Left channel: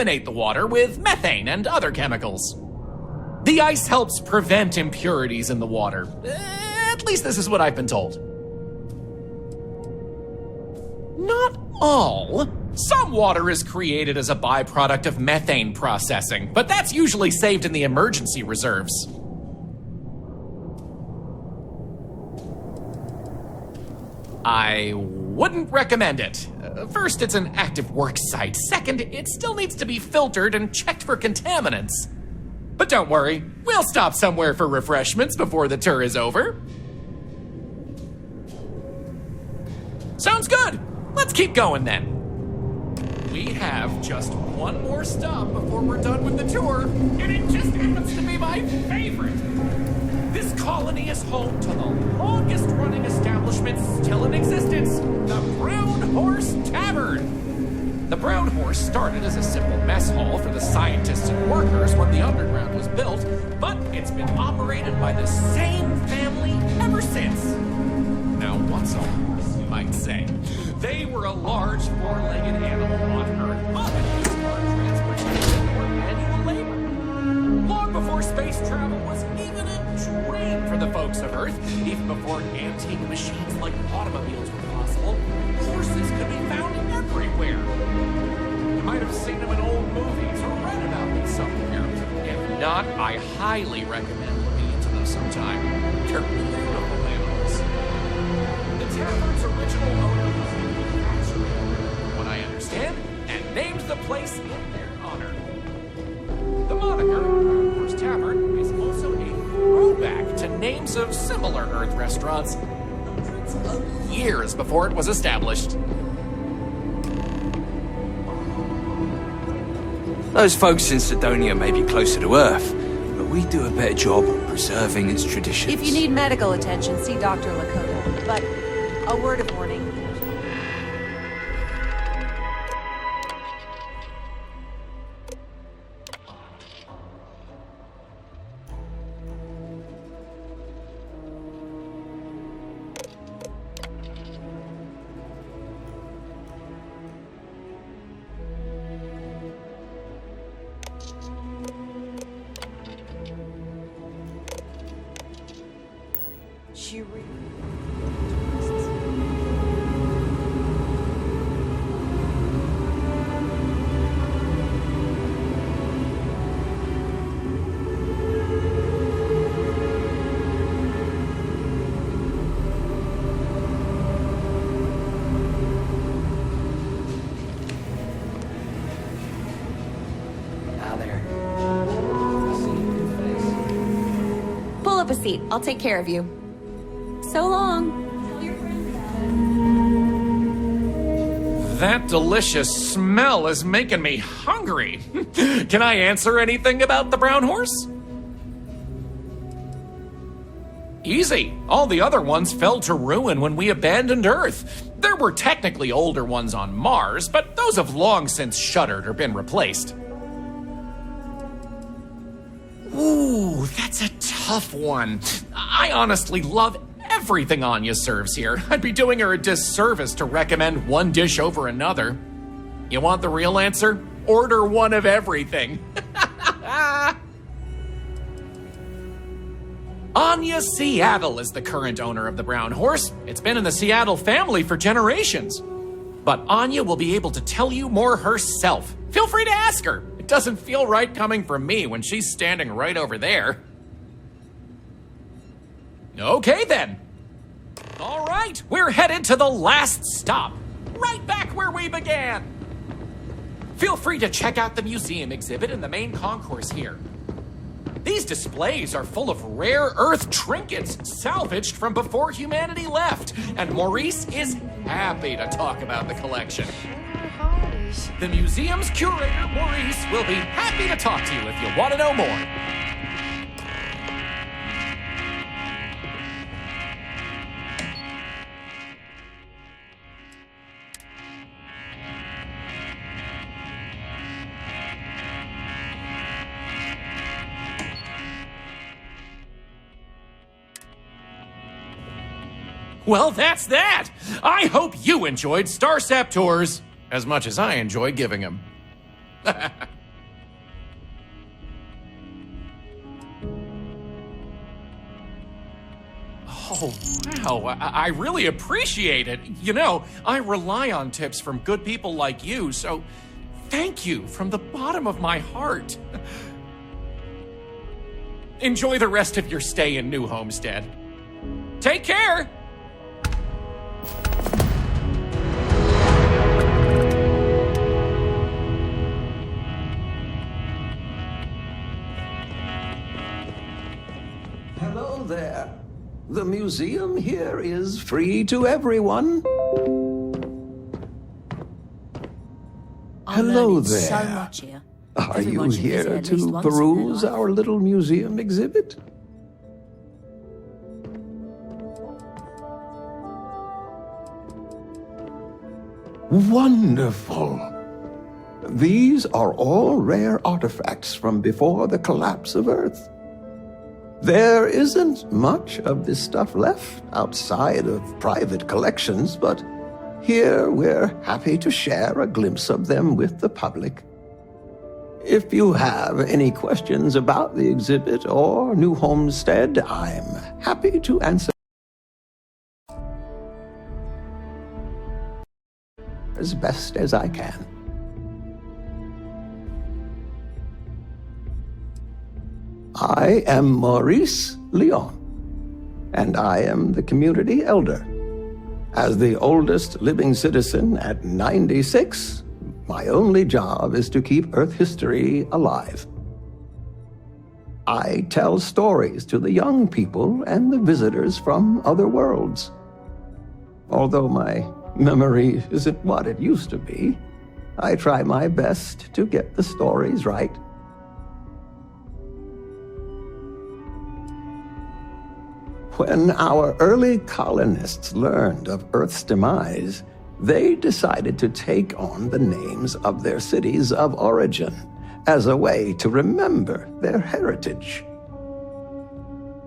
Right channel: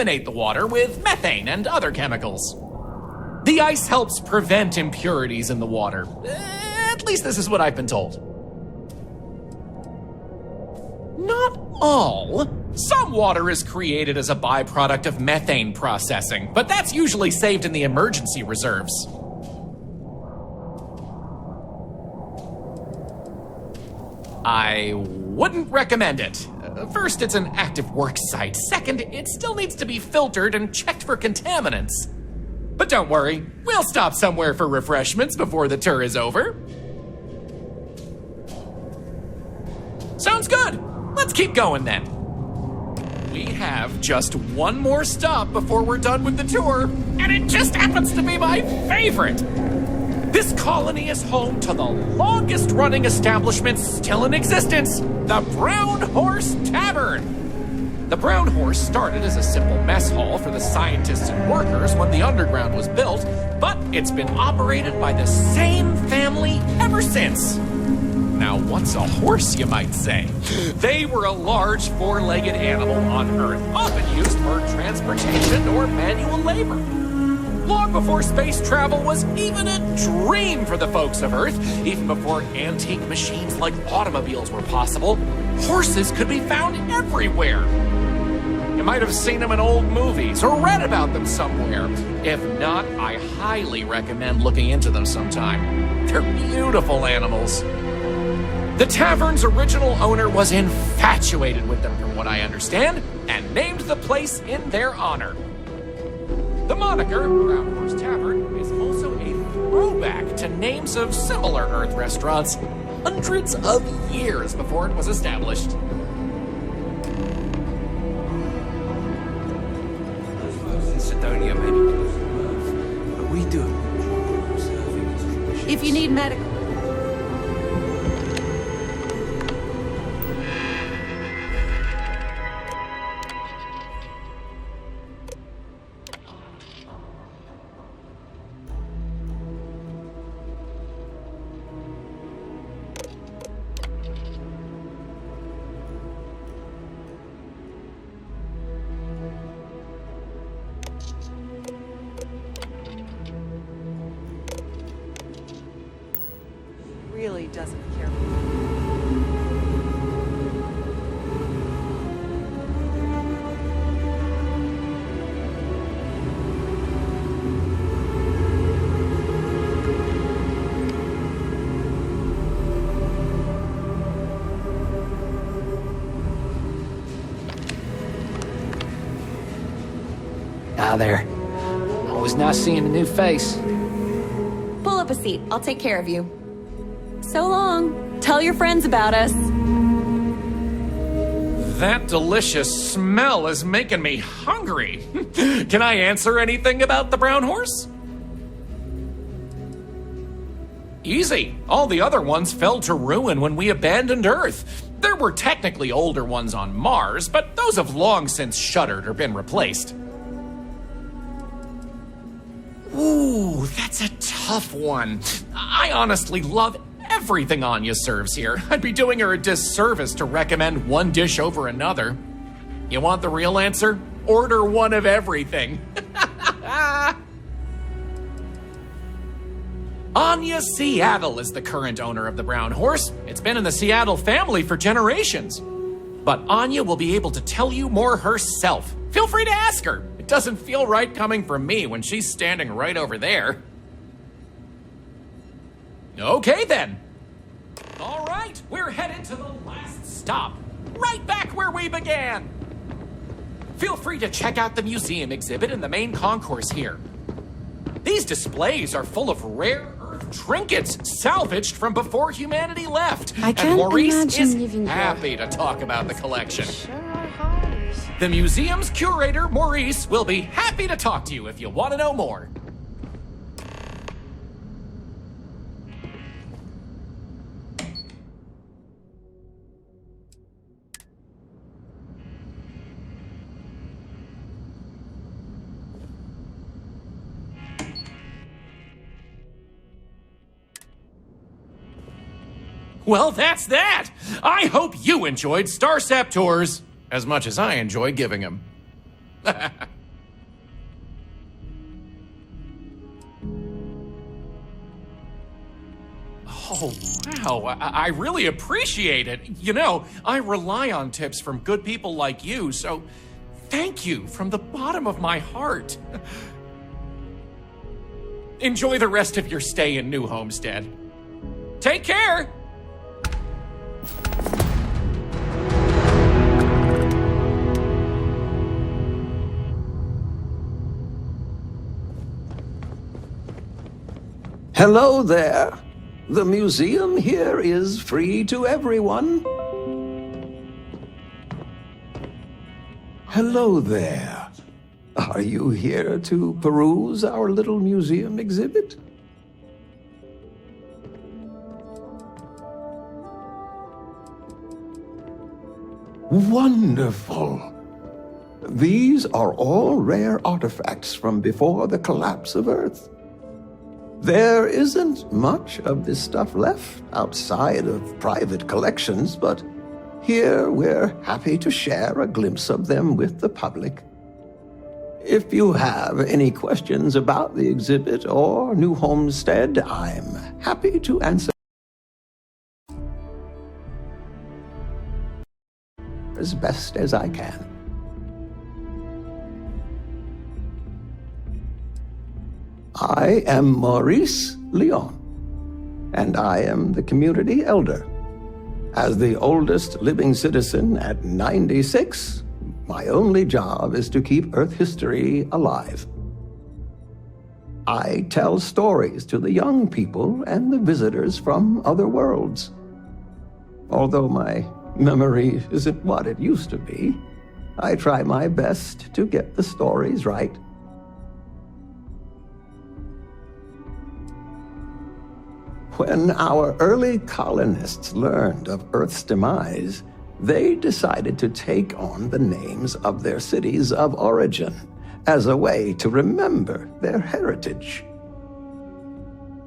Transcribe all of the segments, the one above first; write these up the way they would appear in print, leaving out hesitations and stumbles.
contaminate the water with methane and other chemicals. The ice helps prevent impurities in the water. At least this is what I've been told. Not all. Some water is created as a byproduct of methane processing, but that's usually saved in the emergency reserves. I wouldn't recommend it. First, it's an active work site. Second, it still needs to be filtered and checked for contaminants. But don't worry, we'll stop somewhere for refreshments before the tour is over. Sounds good. Let's keep going then. We have just one more stop before we're done with the tour, and it just happens to be my favorite. This colony is home to the longest-running establishment still in existence, the Brown Horse Tavern. The Brown Horse started as a simple mess hall for the scientists and workers when the underground was built, but it's been operated by the same family ever since. Now, what's a horse, you might say? They were a large four-legged animal on Earth, often used for transportation or manual labor. Long before space travel was even a dream for the folks of Earth, even before antique machines like automobiles were possible, horses could be found everywhere. You might have seen them in old movies or read about them somewhere. If not, I highly recommend looking into them sometime. They're beautiful animals. The tavern's original owner was infatuated with them, from what I understand, and named the place in their honor. The moniker, Brown Horse Tavern, is also a throwback to names of similar Earth restaurants hundreds of years before it was established. Those folks in Sidonia may be closer to Earth, but we do a better job of preserving its traditions. If you need medical attention, see Dr. Lakota. But a word of warning. She really doesn't care for tourists. Ah, there. Always nice seeing a new face. Pull up a seat. I'll take care of you. So long. Tell your friends about us. That delicious smell is making me hungry. Can I answer anything about the Brown Horse? Easy. All the other ones fell to ruin when we abandoned Earth. There were technically older ones on Mars, but those have long since shuttered or been replaced. Ooh, that's a tough one. I honestly love everything Anya serves here. I'd be doing her a disservice to recommend one dish over another. You want the real answer? Order one of everything. Anya Seattle is the current owner of the Brown Horse. It's been in the Seattle family for generations. But Anya will be able to tell you more herself. Feel free to ask her. It doesn't feel right coming from me when she's standing right over there. Okay then. All right, we're headed to the last stop. Right back where we began. Feel free to check out the museum exhibit in the main concourse here. These displays are full of rare Earth trinkets salvaged from before humanity left. And Maurice is happy to talk about the collection. The museum's curator, Maurice, will be happy to talk to you if you want to know more. Well, that's that. I hope you enjoyed Starsap Tours as much as I enjoy giving them. Oh, wow. I really appreciate it. You know, I rely on tips from good people like you, so thank you from the bottom of my heart. Enjoy the rest of your stay in New Homestead. Take care! Hello there. The museum here is free to everyone. Hello there. Are you here to peruse our little museum exhibit? Wonderful. These are all rare artifacts from before the collapse of Earth. There isn't much of this stuff left outside of private collections, but here we're happy to share a glimpse of them with the public. If you have any questions about the exhibit or New Homestead, I'm happy to answer as best as I can. I am Maurice Leon, and I am the community elder. As the oldest living citizen at 96, my only job is to keep Earth history alive. I tell stories to the young people and the visitors from other worlds. Although my memory isn't what it used to be, I try my best to get the stories right. When our early colonists learned of Earth's demise, they decided to take on the names of their cities of origin as a way to remember their heritage.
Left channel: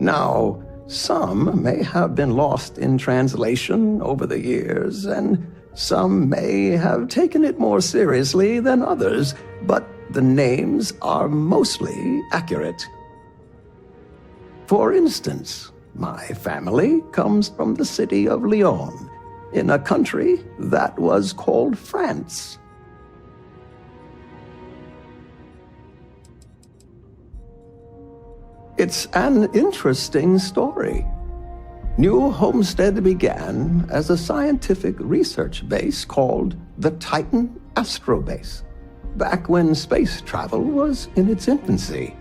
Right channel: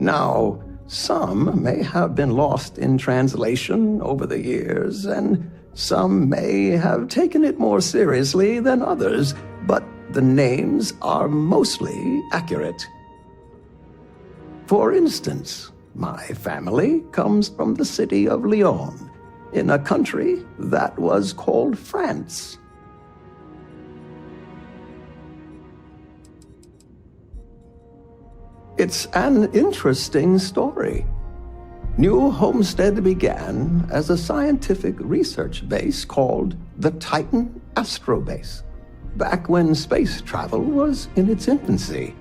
Now, some may have been lost in translation over the years, and some may have taken it more seriously than others, but the names are mostly accurate. For instance, my family comes from the city of Lyon, in a country that was called France. It's an interesting story. New Homestead began as a scientific research base called the Titan Astrobase, back when space travel was in its infancy.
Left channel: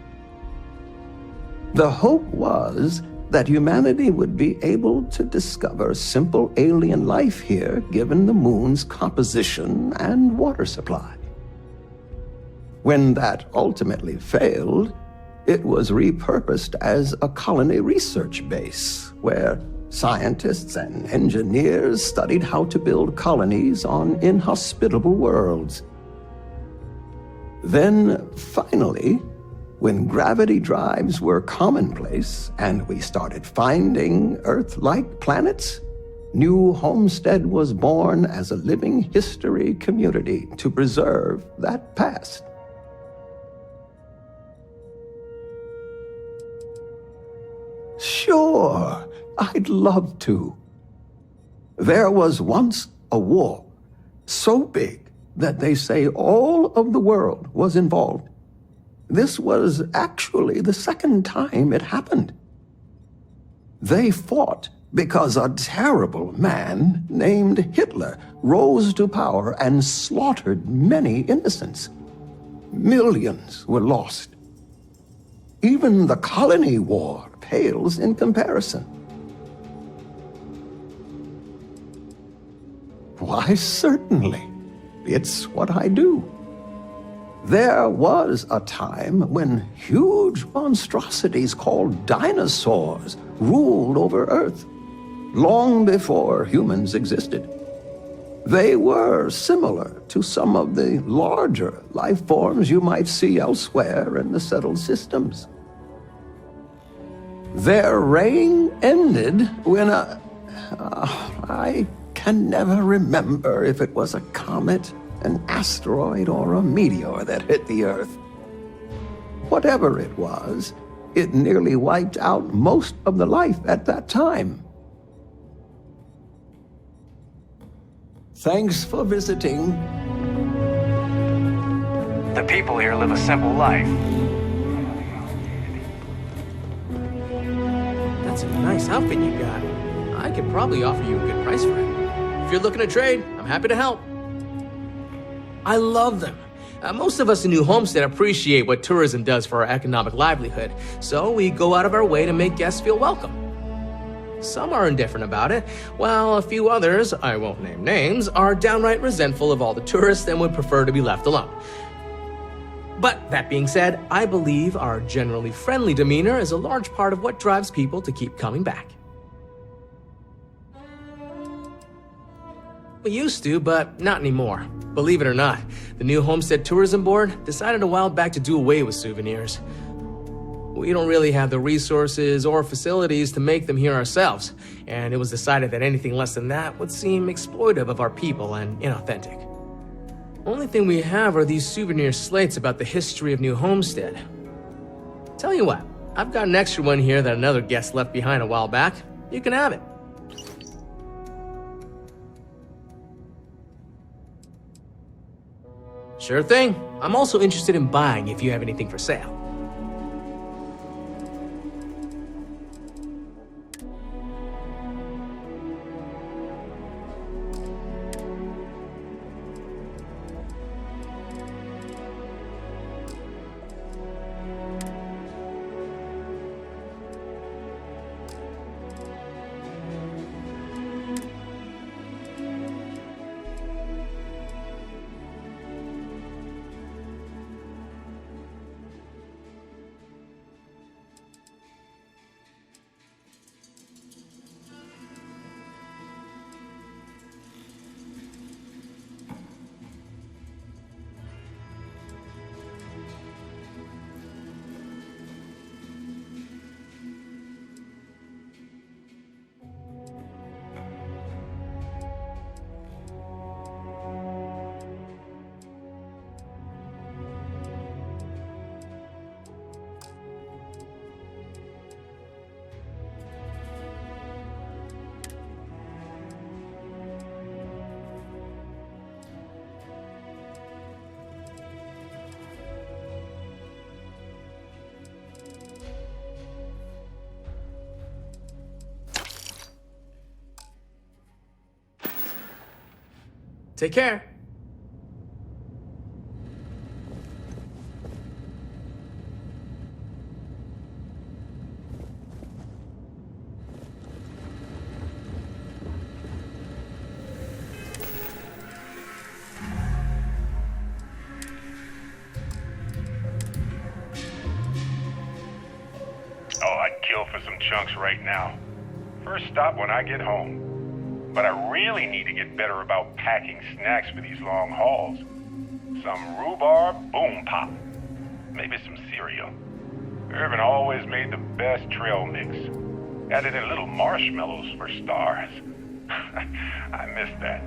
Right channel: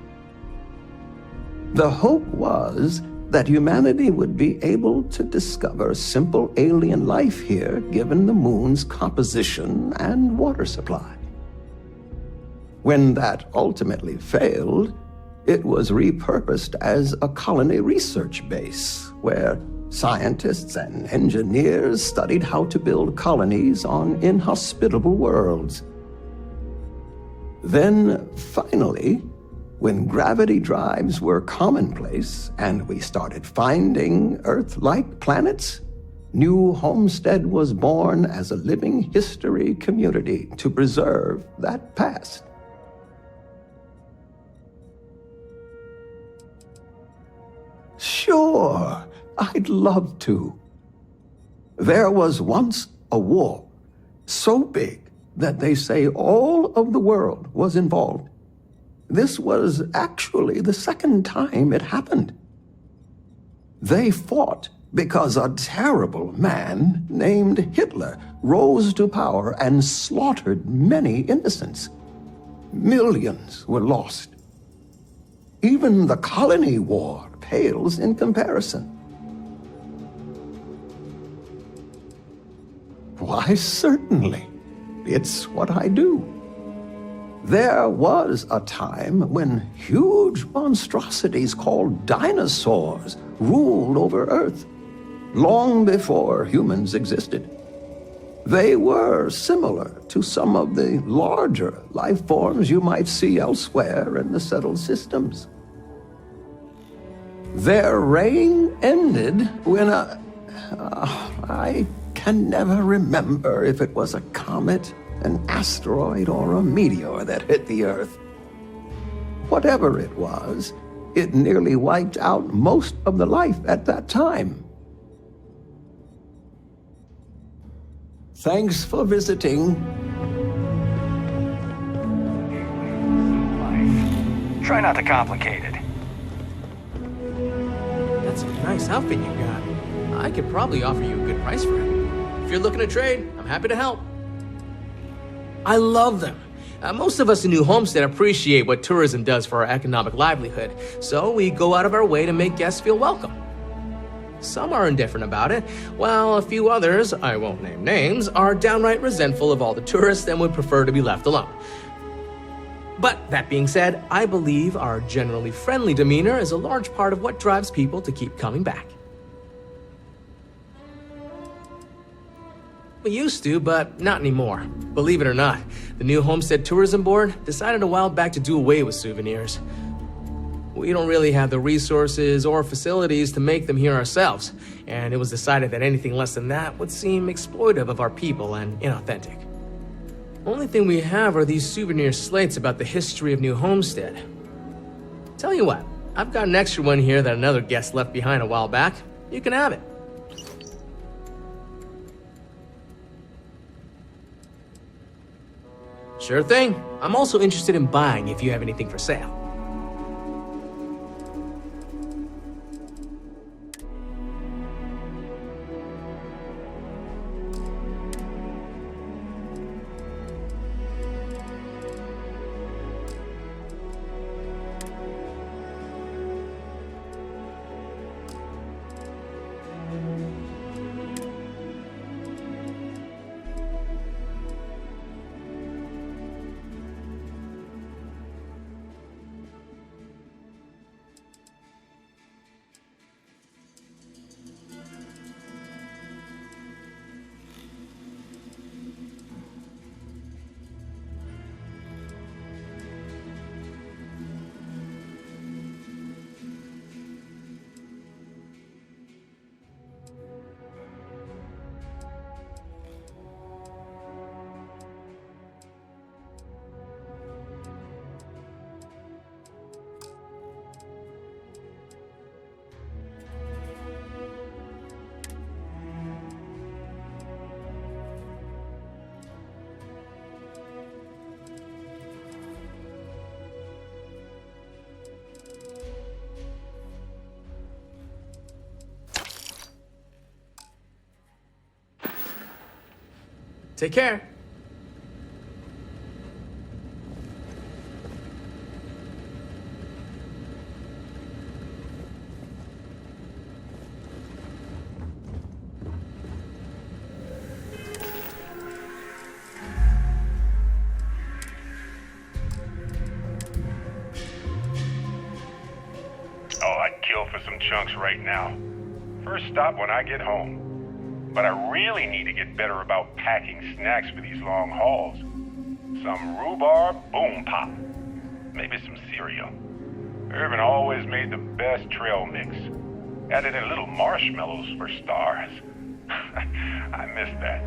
The hope was that humanity would be able to discover simple alien life here given the moon's composition and water supply. When that ultimately failed, it was repurposed as a colony research base where scientists and engineers studied how to build colonies on inhospitable worlds. Then, finally, when gravity drives were commonplace and we started finding Earth-like planets, New Homestead was born as a living history community to preserve that past. Sure, I'd love to. There was once a war so big that they say all of the world was involved. This was actually the second time it happened. They fought because a terrible man named Hitler rose to power and slaughtered many innocents. Millions were lost. Even the colony war pales in comparison. Why, certainly. It's what I do. There was a time when huge monstrosities called dinosaurs ruled over Earth, long before humans existed. They were similar to some of the larger life forms you might see elsewhere in the settled systems. Their reign ended when I can never remember if it was a comet, an asteroid, or a meteor that hit the Earth. Whatever it was, it nearly wiped out most of the life at that time, Thanks for visiting. The people here live a simple life. Try not to complicate it. That's a nice outfit you got. I could probably offer you a good price for it. If you're looking to trade, I'm happy to help. I love them. Most of us in New Homestead appreciate what tourism does for our economic livelihood, so we go out of our way to make guests feel welcome. Some are indifferent about it, while a few others, I won't name names, are downright resentful of all the tourists and would prefer to be left alone. But that being said, I believe our generally friendly demeanor is a large part of what drives people to keep coming back. We used to, but not anymore. Believe it or not, the new Homestead Tourism Board decided a while back to do away with souvenirs. We don't really have the resources or facilities to make them here ourselves, and it was decided that anything less than that would seem exploitive of our people and inauthentic. Only thing we have are these souvenir slates about the history of New Homestead. Tell you what, I've got an extra one here that another guest left behind a while back. You can have it. Sure thing. I'm also interested in buying if you have anything for sale. Take care. Oh, I'd kill for some chunks right now. First stop when I get home. But I really need to get better about packing snacks for these long hauls. Some rhubarb boom pop. Maybe some cereal. Irvin always made the best trail mix. Added in little marshmallows for stars. I miss that.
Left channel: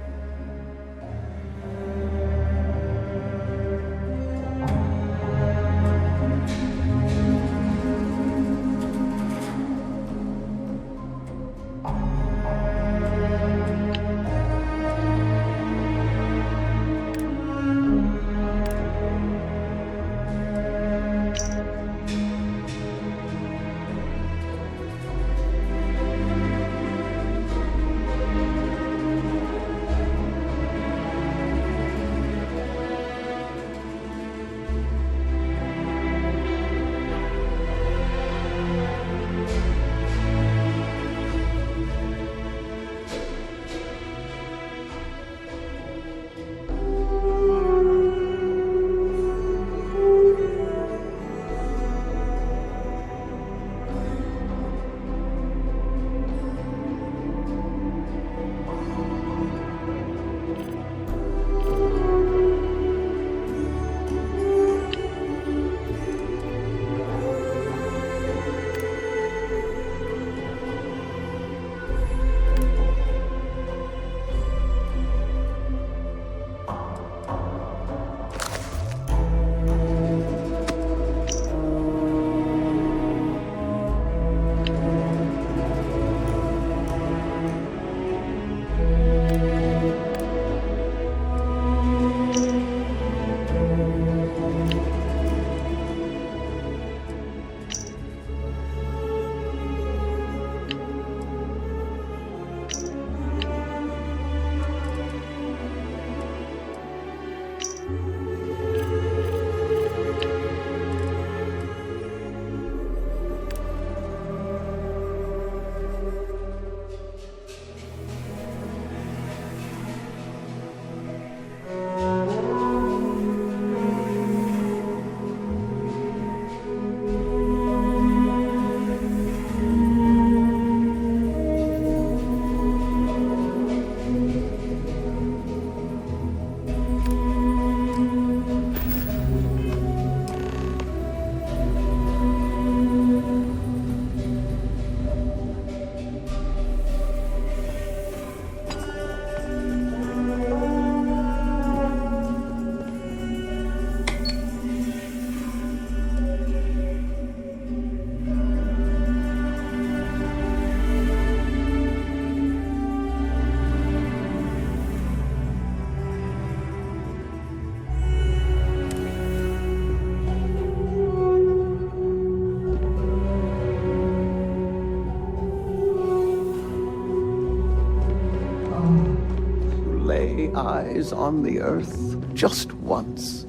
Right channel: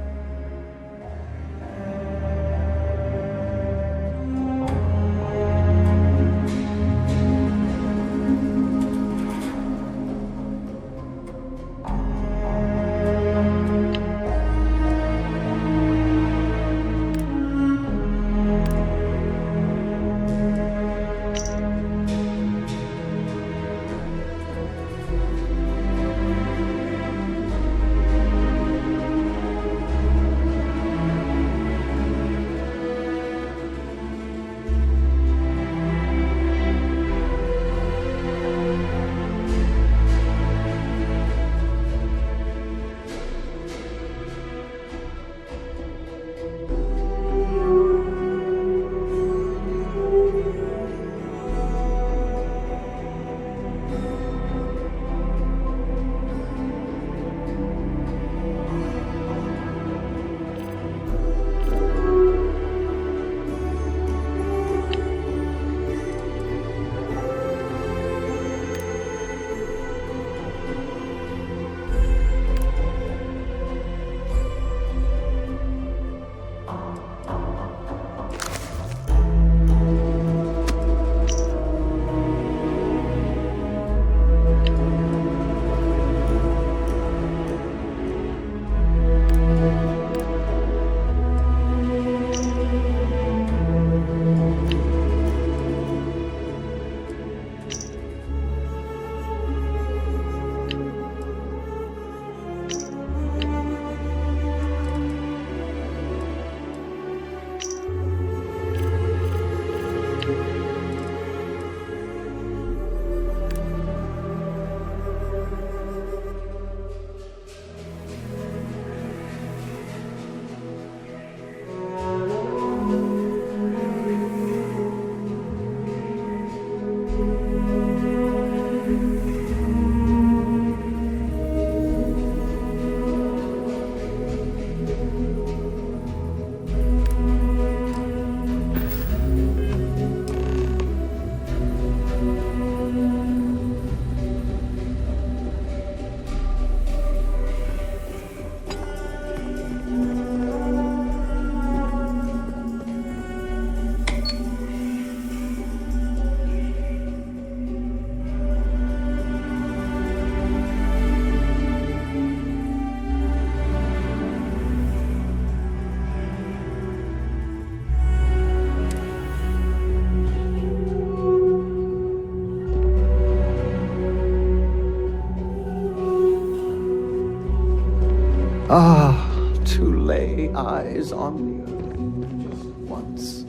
lay eyes on the Earth just once.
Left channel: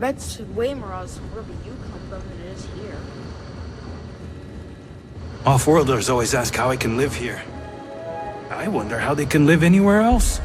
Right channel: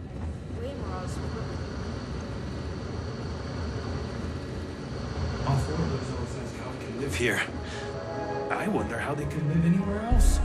That's way more awesome wherever you come from than it is here. Off-worlders always ask how I can live here. I wonder how they can live anywhere else.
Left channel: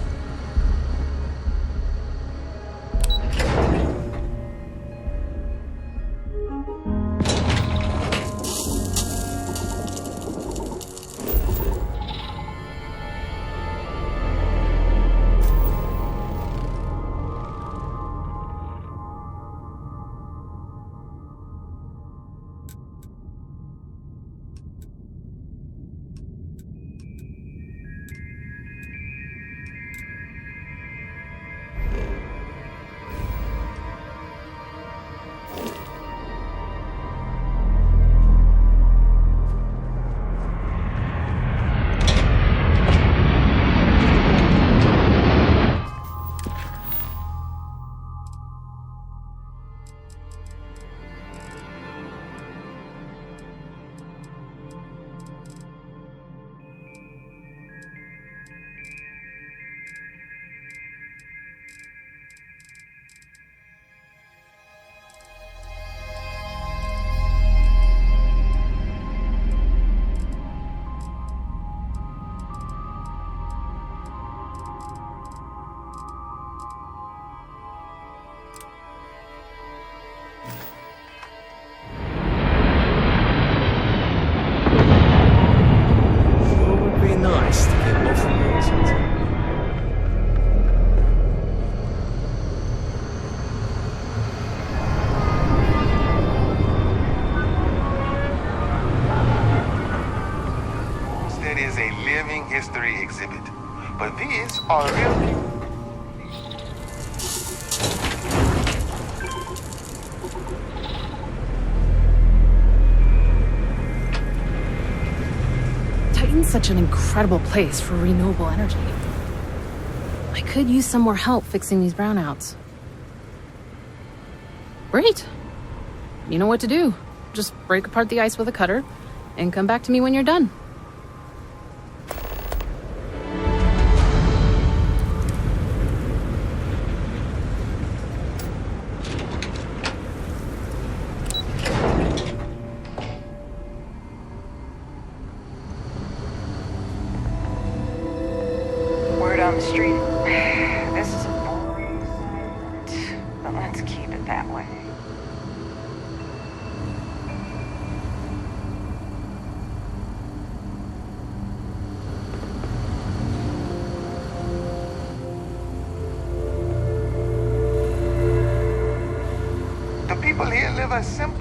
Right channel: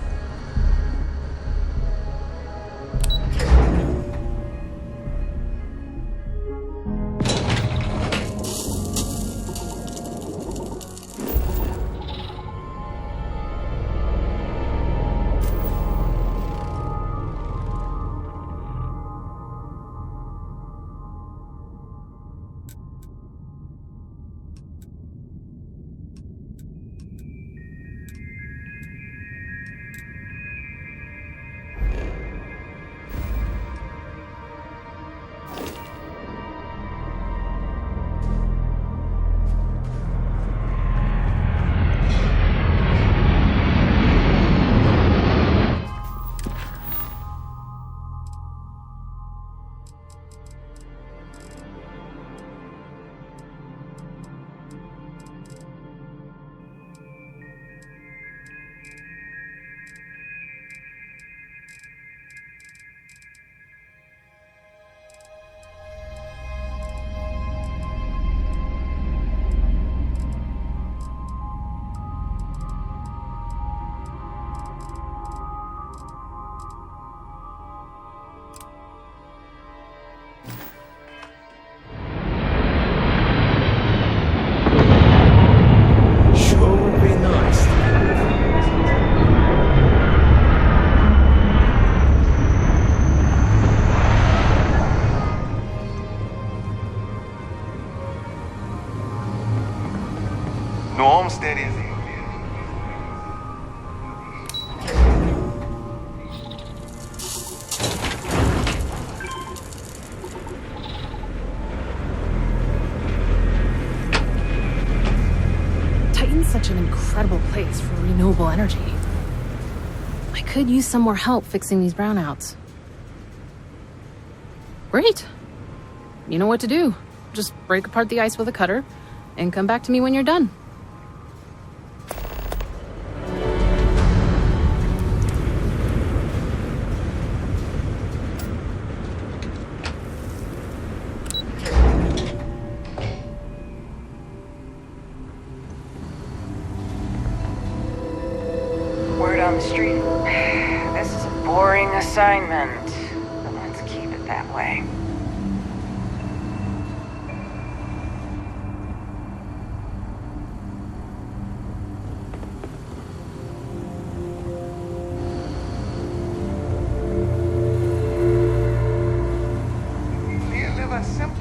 Homestead is a living history exhibit, but these are Titan's such an incredible place for renewable energy. I could use some more help fixing these brownouts. Great. You know what to do. Just break apart the ice with a cutter and come back to me when you're done. Word on the street. This is a boring assignment, but let's keep it that way. the people here live a simple